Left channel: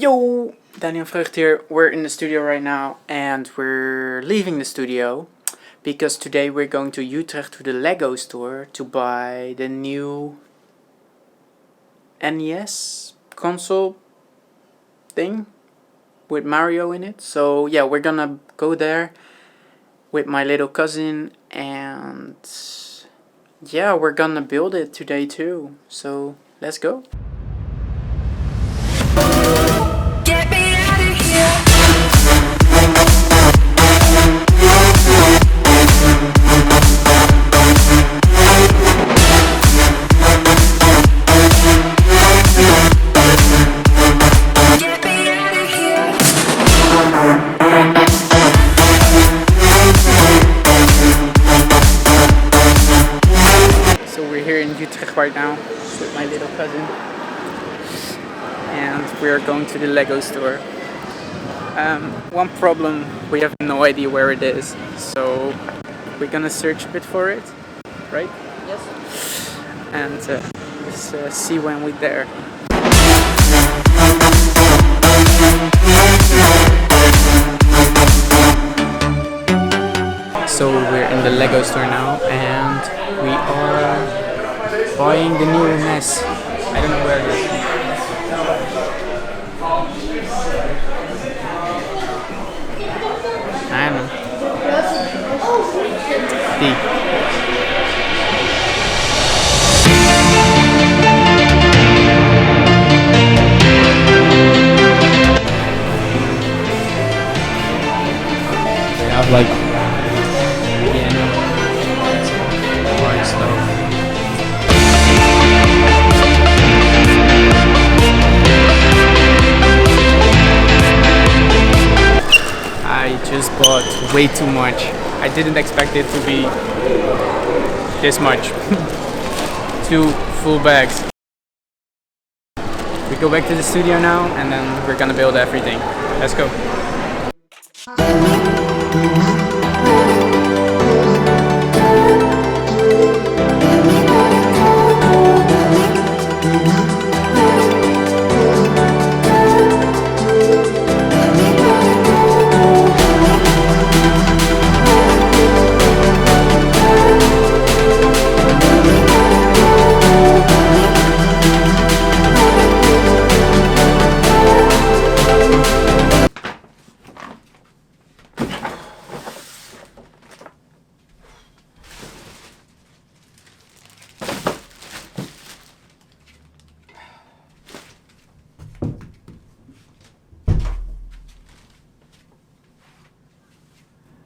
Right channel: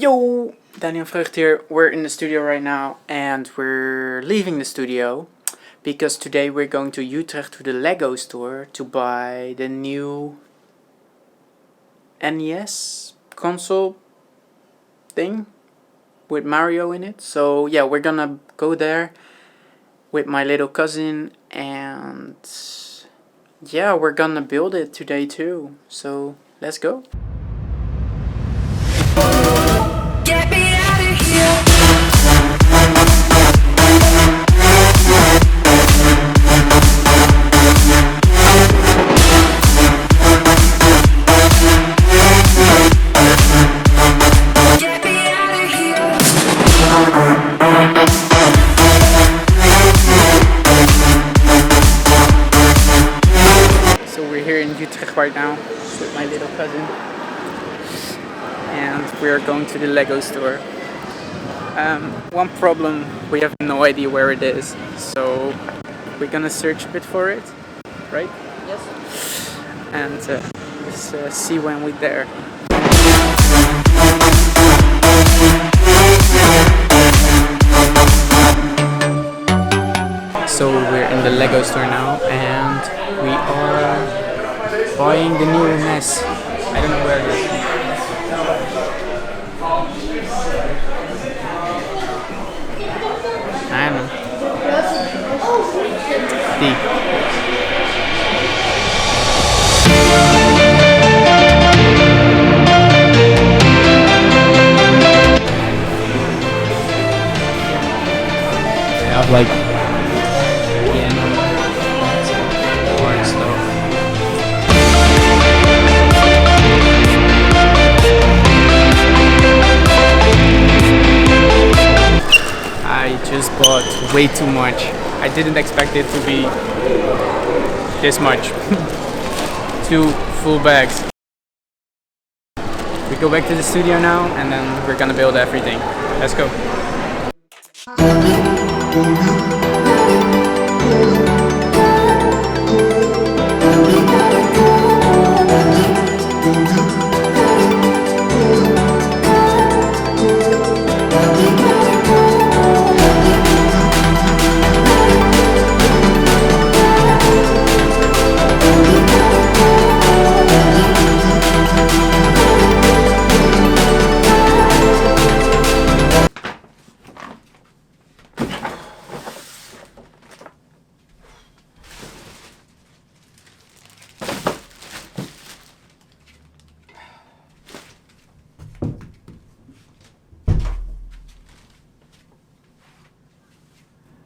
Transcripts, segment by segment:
Yo, Danian Vreugd here. We're in the studio right now and we're leaving the studio because today we're going to Utrecht to the Lego store to buy the new NES console thing with Mario in it. So yeah, we're gonna go there with my little cousin and yeah, we're gonna build it today too. So let's go. Get me out of here. Get me out of here. So we're here in Utrecht right now with my little cousin. And we are going to the Lego store. One problem, we have no idea where it is, so we're gonna search a bit for it, right? Yes. And let's see when we're there. So we're in the Lego store now, and we are buying the new NES. I don't know where it is. I don't know. They have like piano, art stuff. I just bought way too much. I didn't expect it to be this much. 2 full bags. We go back to the studio now and then we're gonna build everything. Let's go.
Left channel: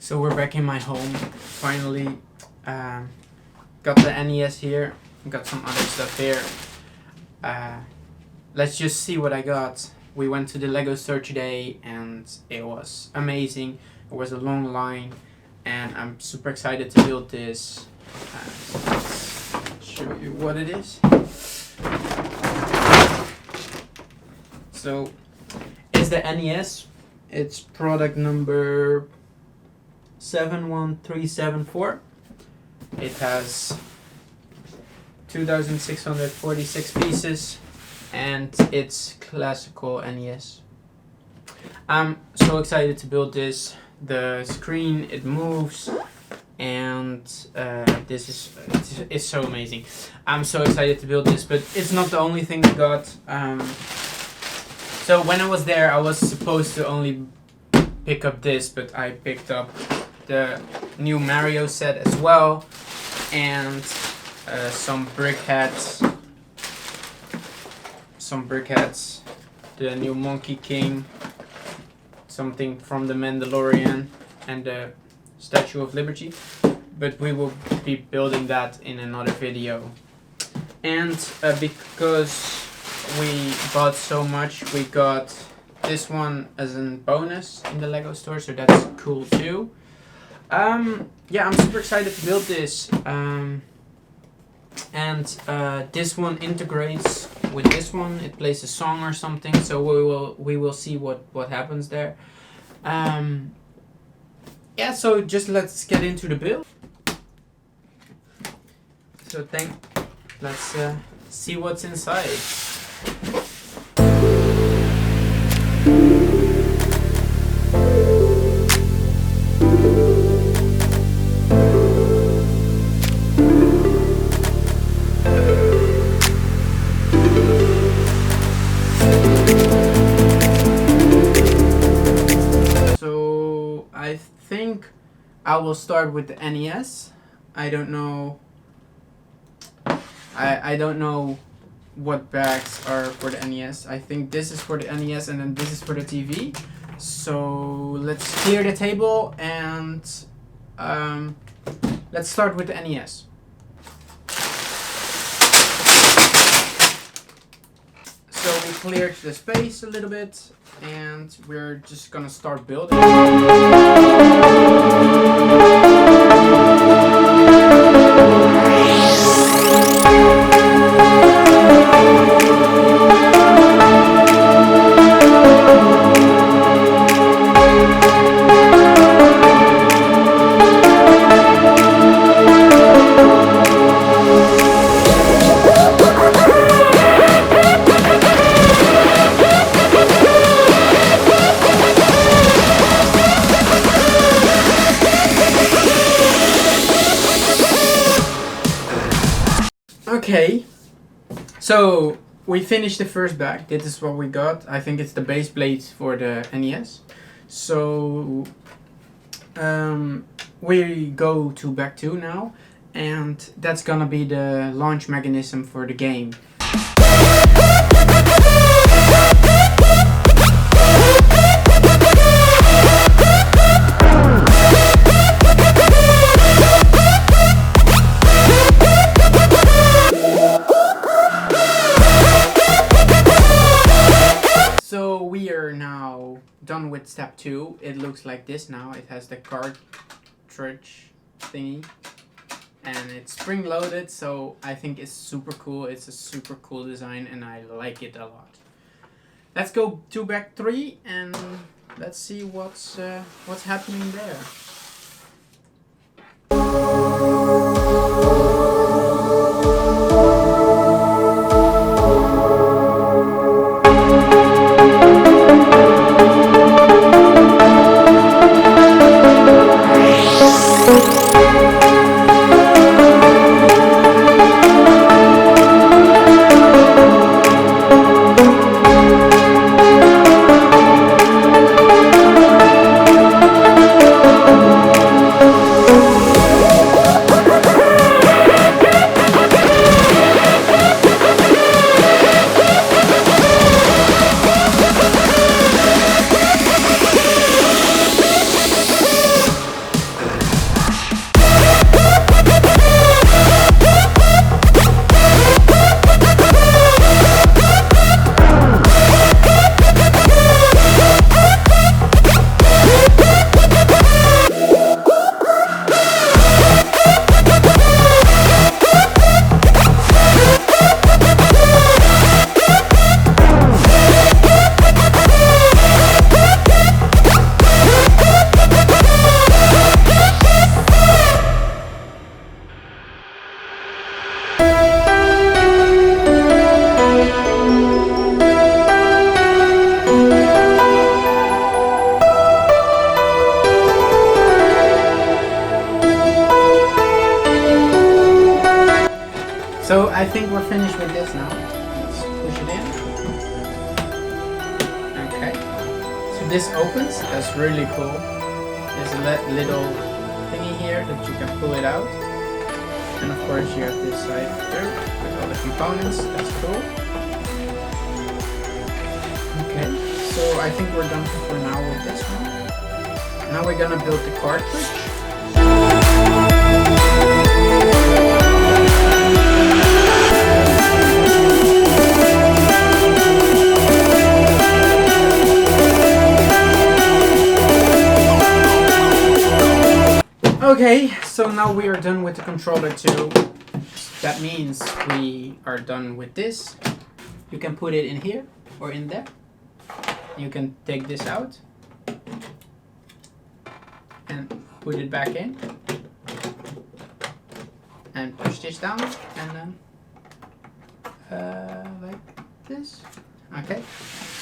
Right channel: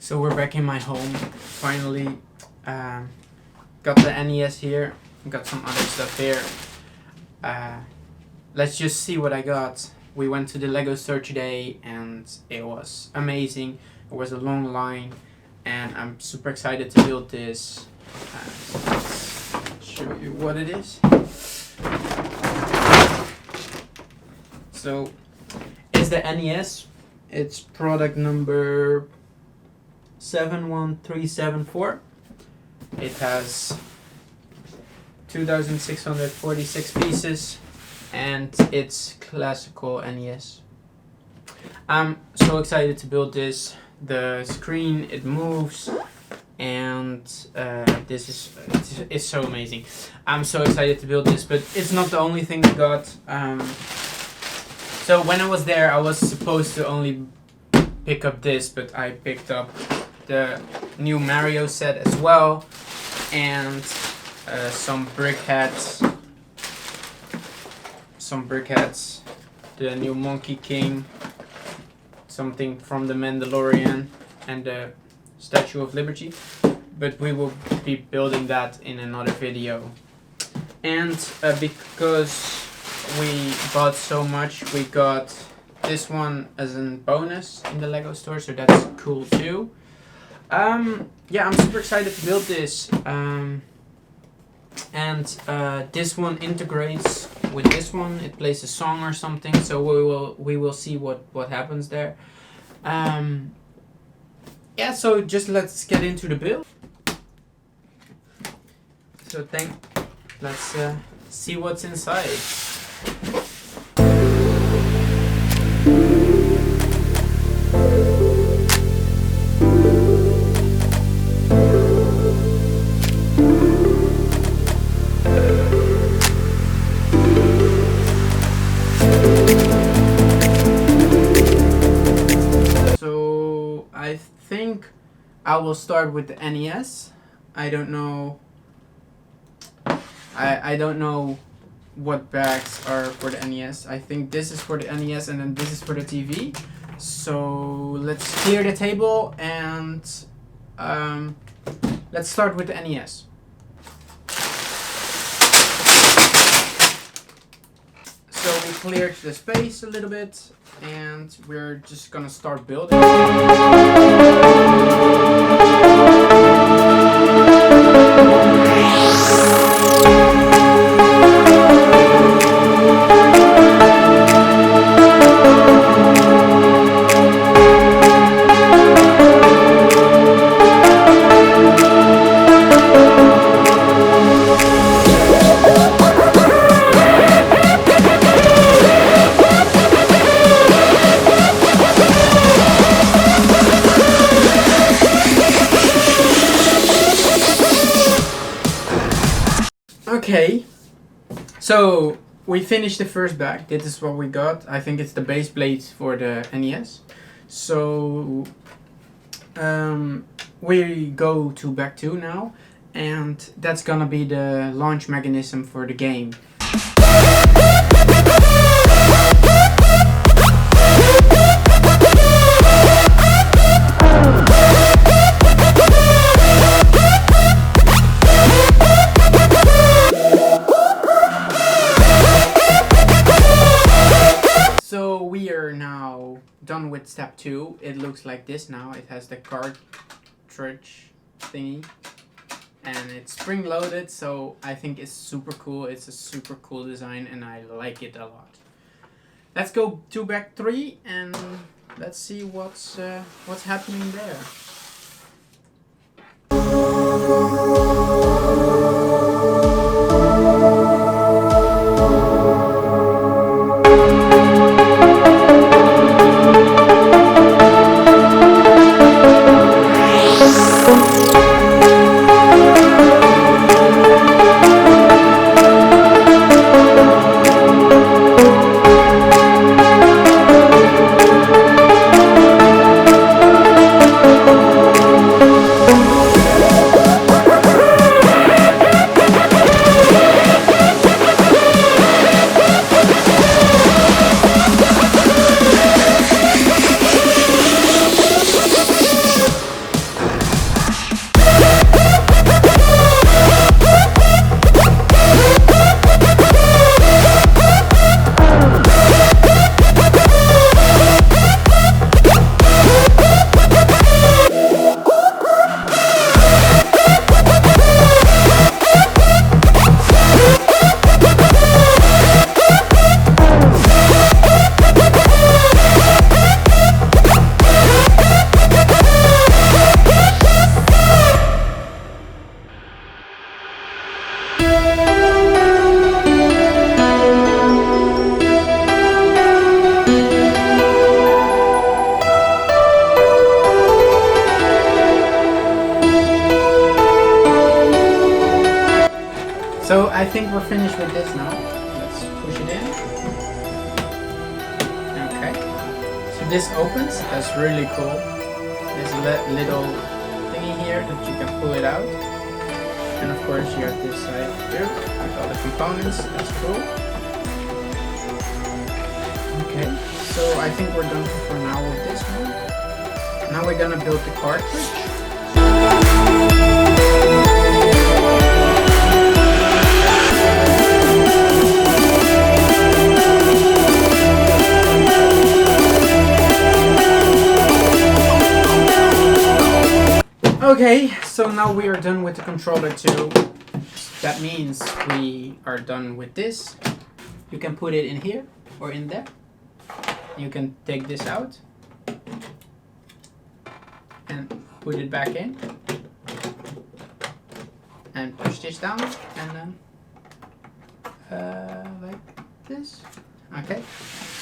So we're back in my home, finally. Got the NES here, got some other stuff here. Let's just see what I got. We went to the Lego store today and it was amazing. It was a long line and I'm super excited to build this. Let's show you what it is. So it's the NES. It's product number 71374. It has 2,646 pieces and it's classical NES. I'm so excited to build this. The screen, it moves and this is so amazing. I'm so excited to build this, but it's not the only thing we got. So when I was there I was supposed to only pick up this, but I picked up the new Mario set as well, and some brickheads, the new Monkey King, something from the Mandalorian, and the Statue of Liberty. But we will be building that in another video. And because we bought so much, we got this one as a bonus in the Lego store, so that's cool too. Yeah, I'm super excited to build this. And this one integrates with this one. It plays a song or something, so we will see what happens there. Yeah, so just let's get into the build. So let's see what's inside. So I think I will start with the NES. I don't know. I don't know what bags are for the NES. I think this is for the NES and then this is for the TV. So let's clear the table and let's start with the NES. So we cleared the space a little bit and we're just gonna start building. Okay, so we finished the first bag. This is what we got. I think it's the base plate for the NES. So we go to bag 2 now, and that's gonna be the launch mechanism for the game. We are now done with step 2. It looks like this now. It has the cartridge thingy and it's spring loaded, so I think it's super cool. It's a super cool design and I like it a lot. Let's go to bag 3 and let's see what's happening there. So I think we're finished with this now. Let's push it in. Okay. So this opens. That's really cool. There's a little thingy here that you can pull it out. And of course you have this side too with all the components. That's cool. Okay. So I think we're done for now with this one. Now we're gonna build the cartridge. Okay, so now we are done with the controller too. That means we are done with this. You can put it in here or in there. You can take this out and put it back in and push this down and then like this. Okay,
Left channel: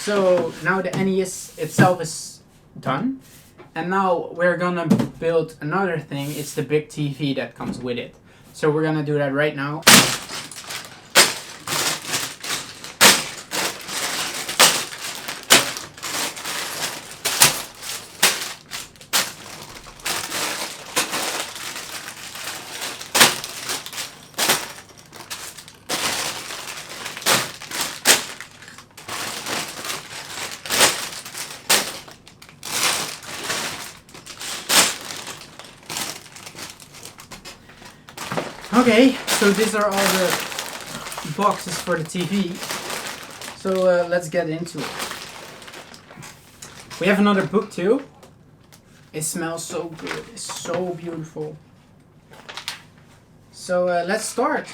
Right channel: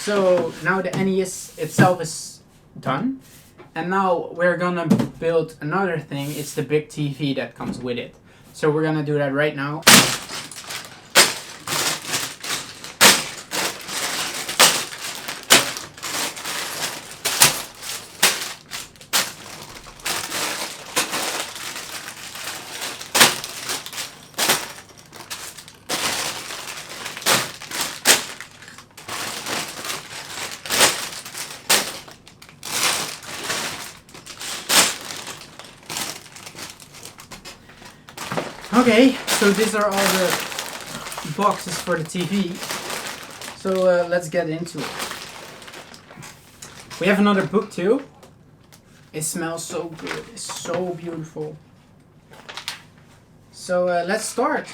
so now the NES itself is done. And now we're gonna build another thing. It's the big TV that comes with it. So we're gonna do that right now. Okay, so these are all the boxes for the TV. So let's get into it. We have another book too. It smells so good. It's so beautiful. So let's start.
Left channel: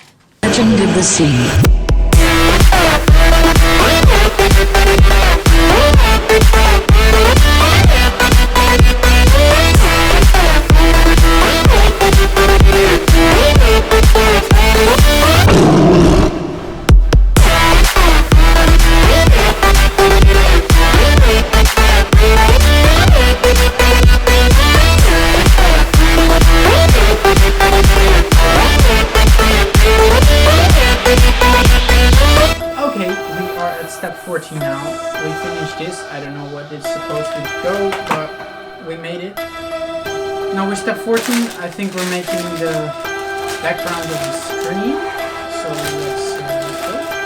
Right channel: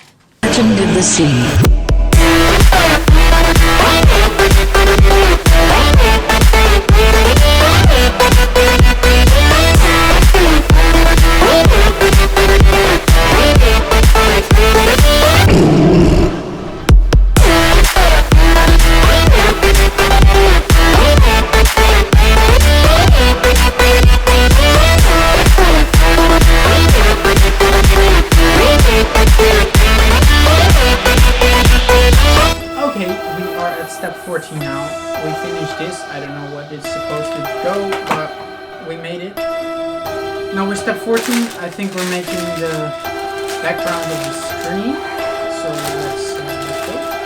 Step 14 now. We finished this. I don't know what it's supposed to go, but we made it. Now we're step 14. I think we're making the background of the screen. So let's go.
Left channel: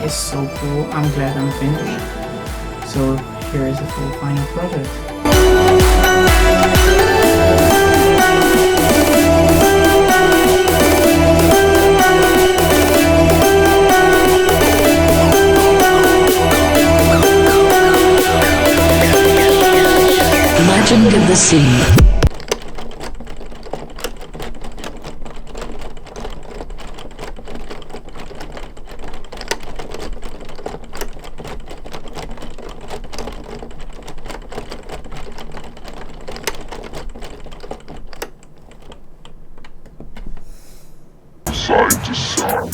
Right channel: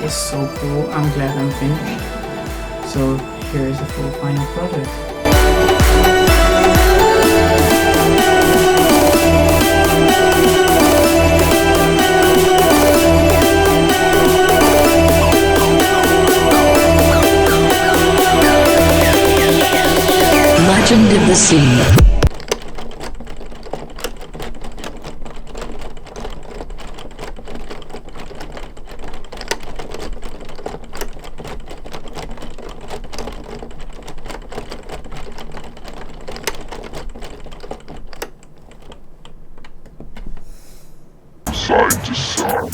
It's so cool. I'm glad I'm finished. So here is the full final product. Legend of the Sea. Side to side.